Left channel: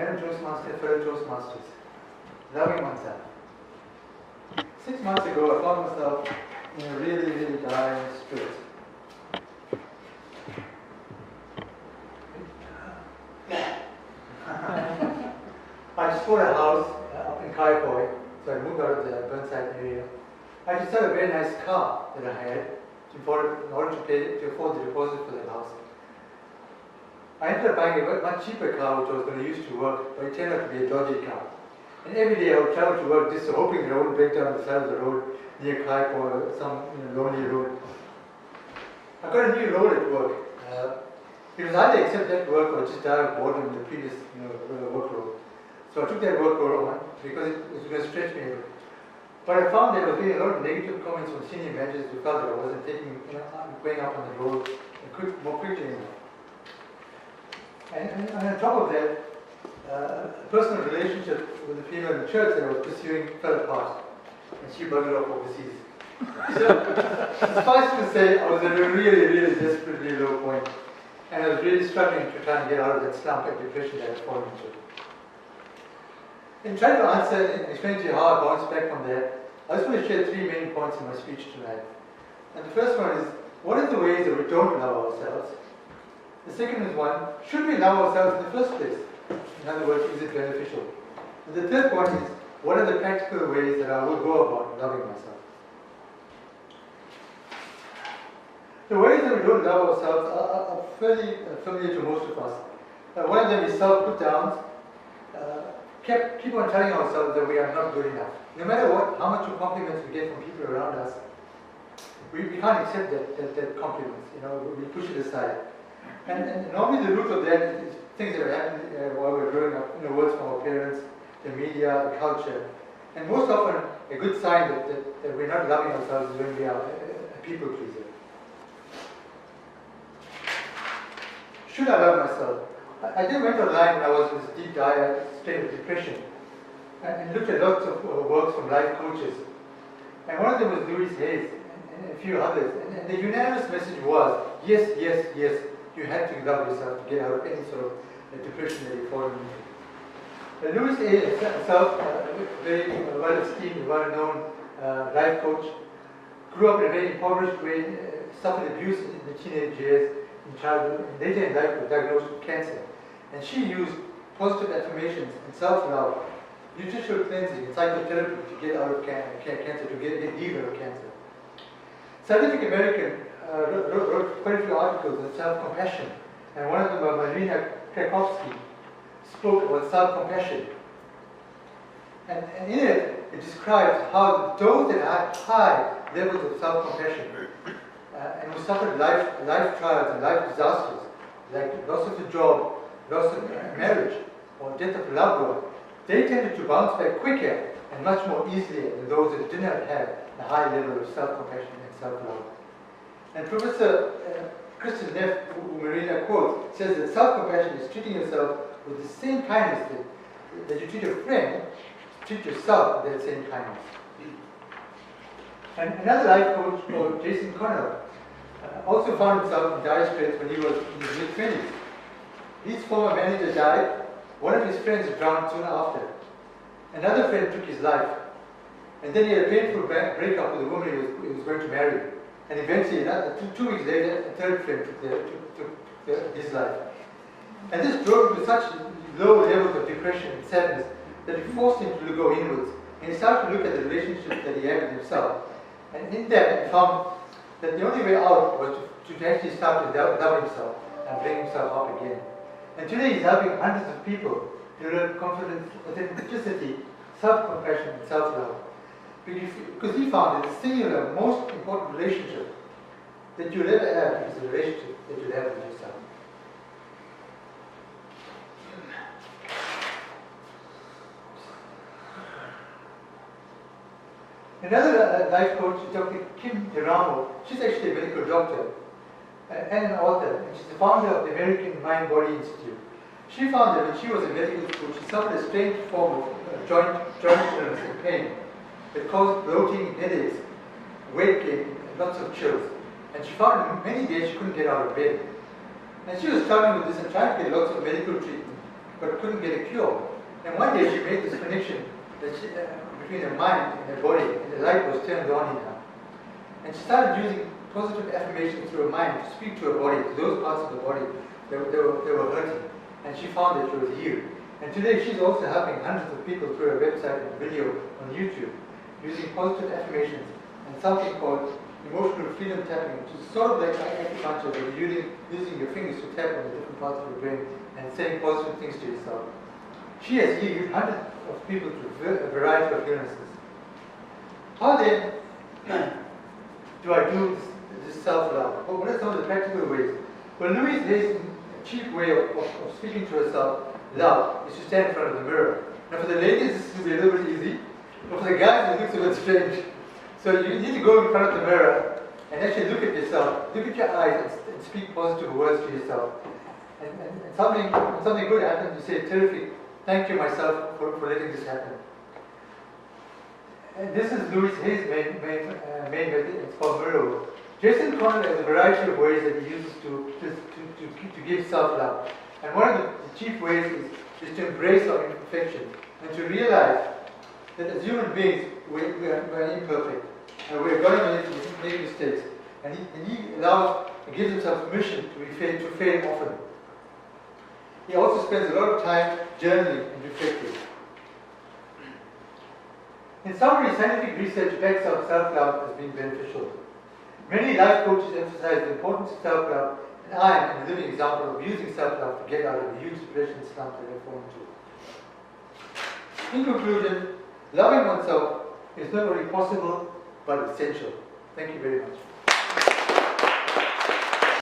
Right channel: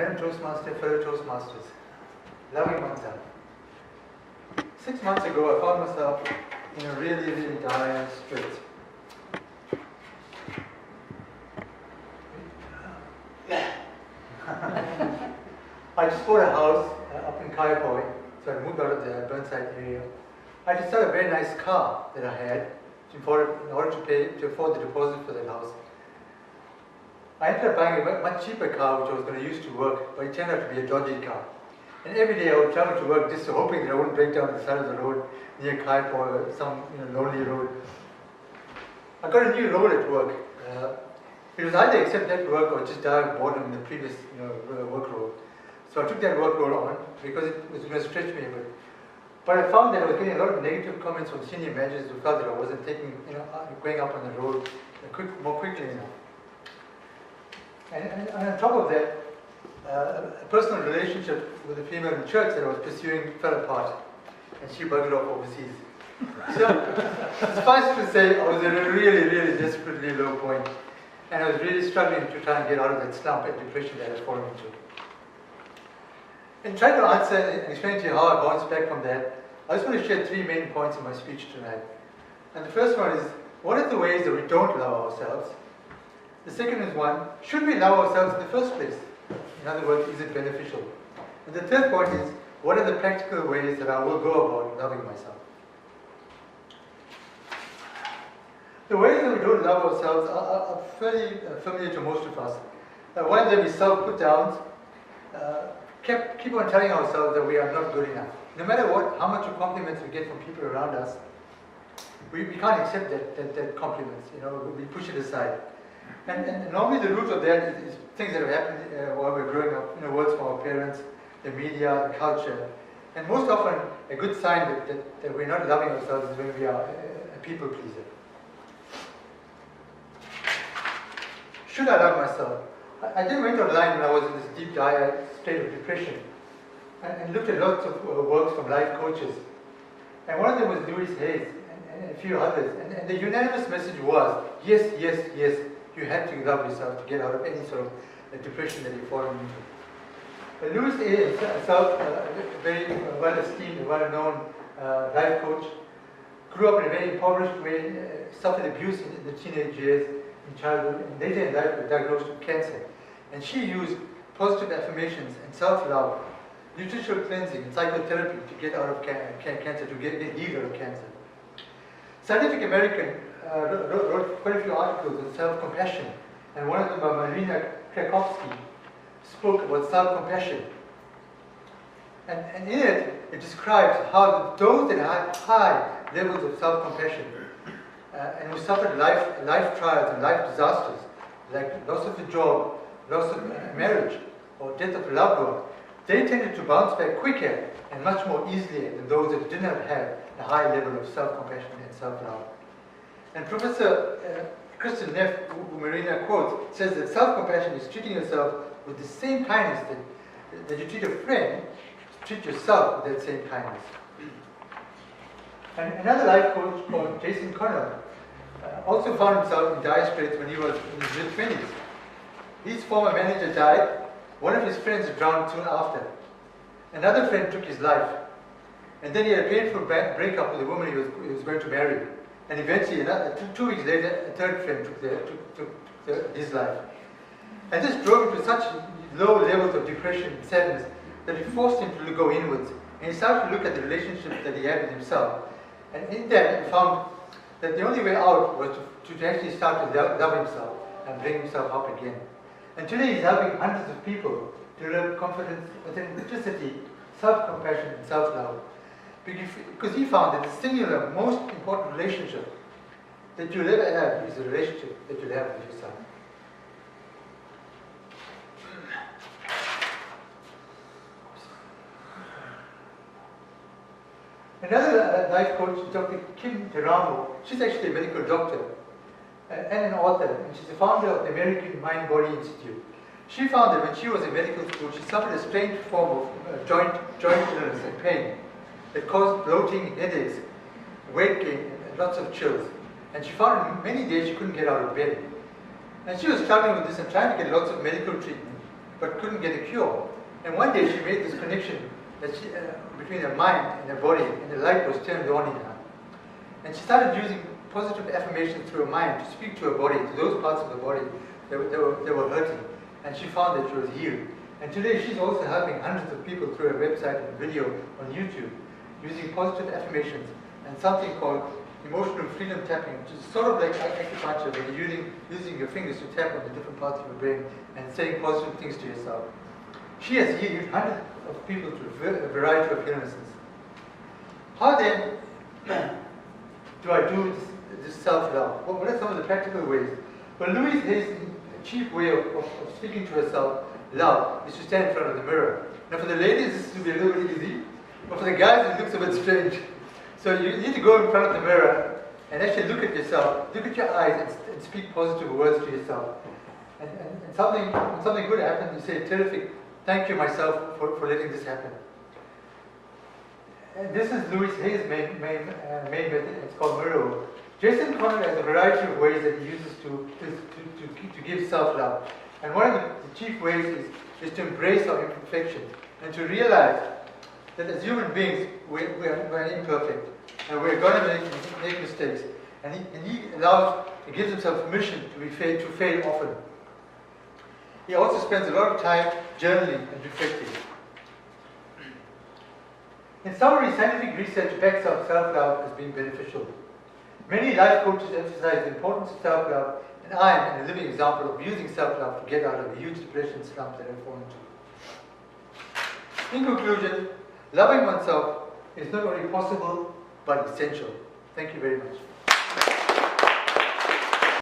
Madam Toastmaster, fellow Toastmasters, loving oneself. 6 months ago, I found myself in a really, really dire strait. I just bought a house up in Kaiapoi, so I moved out of the Burnside area. I just had a very nice car that I had in order to afford the deposit for that house. I ended up buying a much cheaper car which I was going to use to work, but it turned out to be a dodgy car. And every day I would travel to work just hoping that I wouldn't break down on the side of the road near Kaiapoi or some lonely road. I got a new role at work. It was either accept that work or just die of boredom in the previous work role. So I took that work role on because it was going to stretch me a bit. But I found that I was getting a lot of negative comments from senior managers who felt that I wasn't going up on the road more quickly enough. And on top of that, a personal relationship with a female in church that I was pursuing fell apart, and she buggered off overseas. So, suffice it to say, I was at a really, really desperately low point, and I was really struggling to try and get out of that slump and depression that I was falling into. In trying to answer and explain to you how I bounced back from that, I just want to share 3 main points in my speech tonight. And the first one is, what are the ways that we don't love ourselves? The second is should we love ourselves in the first place? In other words, is it beneficial? And the third point is, what are the practical ways that I will go about loving myself? The ways that we don't love ourselves are fairly familiar to most of us. One of them is self-put-downs. Keep on telling ourselves that we are not good enough. No matter how much of compliments we get from people around us, we can't accept that compliments. We push it aside. And normally the root of that is things that have happened while we're growing up, words from our parents, the media, the culture. And most often, a good sign that we're not loving ourselves is when we are a people pleaser. Should I love myself? I then went online when I was in this deep, dire state of depression and looked at lots of works from life coaches. And one of them was Louise Hayes and a few others. And the unanimous message was, yes, yes, yes, you have to love yourself to get out of any sort of depression that you've fallen into. Louise Hayes herself, a very well-esteemed, well-known life coach, grew up in a very impoverished way, suffered abuse in the teenage years, in childhood, and later in life was diagnosed with cancer. And she used positive affirmations and self-love, nutritional cleansing, and psychotherapy to get out of cancer, to get healed out of cancer. Scientific American wrote quite a few articles on self-compassion, and one of them by Marina Krakowski spoke about self-compassion. And in it describes how those that had high levels of self-compassion and who suffered life trials and life disasters, like loss of a job, loss of marriage, or death of a loved one, they tended to bounce back quicker and much more easily than those that did not have a high level of self-compassion and self-love. And Professor Kristen Neff, who Marina quotes, says that self-compassion is treating yourself with the same kindness that you treat a friend, treat yourself with that same kindness. And another life coach called Jason Connell also found himself in dire straits when he was in his mid-20s. His former manager died, one of his friends drowned soon after. Another friend took his life, and then he had a painful breakup with a woman he was going to marry. And eventually, 2 weeks later, a third friend took his life. And this drove him to such low levels of depression and sadness that it forced him to go inwards. And he started to look at the relationships that he had with himself. And in that, he found that the only way out was to actually start to love himself and bring himself up again. And today he's helping hundreds of people to develop confidence, authenticity, self-compassion, and self-love. Because he found that the singular, most important relationship that you'll ever have is the relationship that you'll have with yourself. Another life coach, Dr. Kim Teramo, she's actually a medical doctor and an author, and she's the founder of the American Mind-Body Institute. She found that when she was in medical school, she suffered a strange form of joint illness and pain that caused bloating, headaches, weight gain, and lots of chills. And she found in many days she couldn't get out of bed. And she was struggling with this and trying to get lots of medical treatment. but couldn't get a cure. And one day she made this connection that between her mind and her body, and the light was turned on in her. And she started using positive affirmation through her mind to speak to her body, to those parts of the body that were hurting. And she found that she was healed. And today she's also helping hundreds of people through her website and video on YouTube, using positive affirmations and something called emotional freedom tapping, which is sort of like acupuncture, but you're using your fingers to tap on the different parts of your brain and saying positive things to yourself. She has healed hundreds of people through a variety of illnesses. How then do I do this self-love? What are some of the practical ways? Well, Louise Hay's chief way of speaking to herself, love, is to stand in front of the mirror. Now for the ladies, this will be a little bit easy, but for the guys, it looks a bit strange. So you need to go in front of the mirror and actually look at yourself, look at your eyes, and speak positive words to yourself. And when something good happens, you say, terrific, thank you myself for letting this happen. And this is Louise Hay's main method. It's called mirror work. Jason Conrad has a variety of ways that he uses to give self-love. And one of the chief ways is to embrace our imperfection and to realize that as human beings, we're imperfect and we're going to make mistakes. And he gives himself permission to fail often. He also spends a lot of time journaling and reflecting. In summary, scientific research backs up self-love as being beneficial. Many life coaches emphasize the importance of self-love, and I am a living example of using self-love to get out of a huge depression slump that I've fallen into. In conclusion, loving oneself is not only possible, but essential. Thank you very much.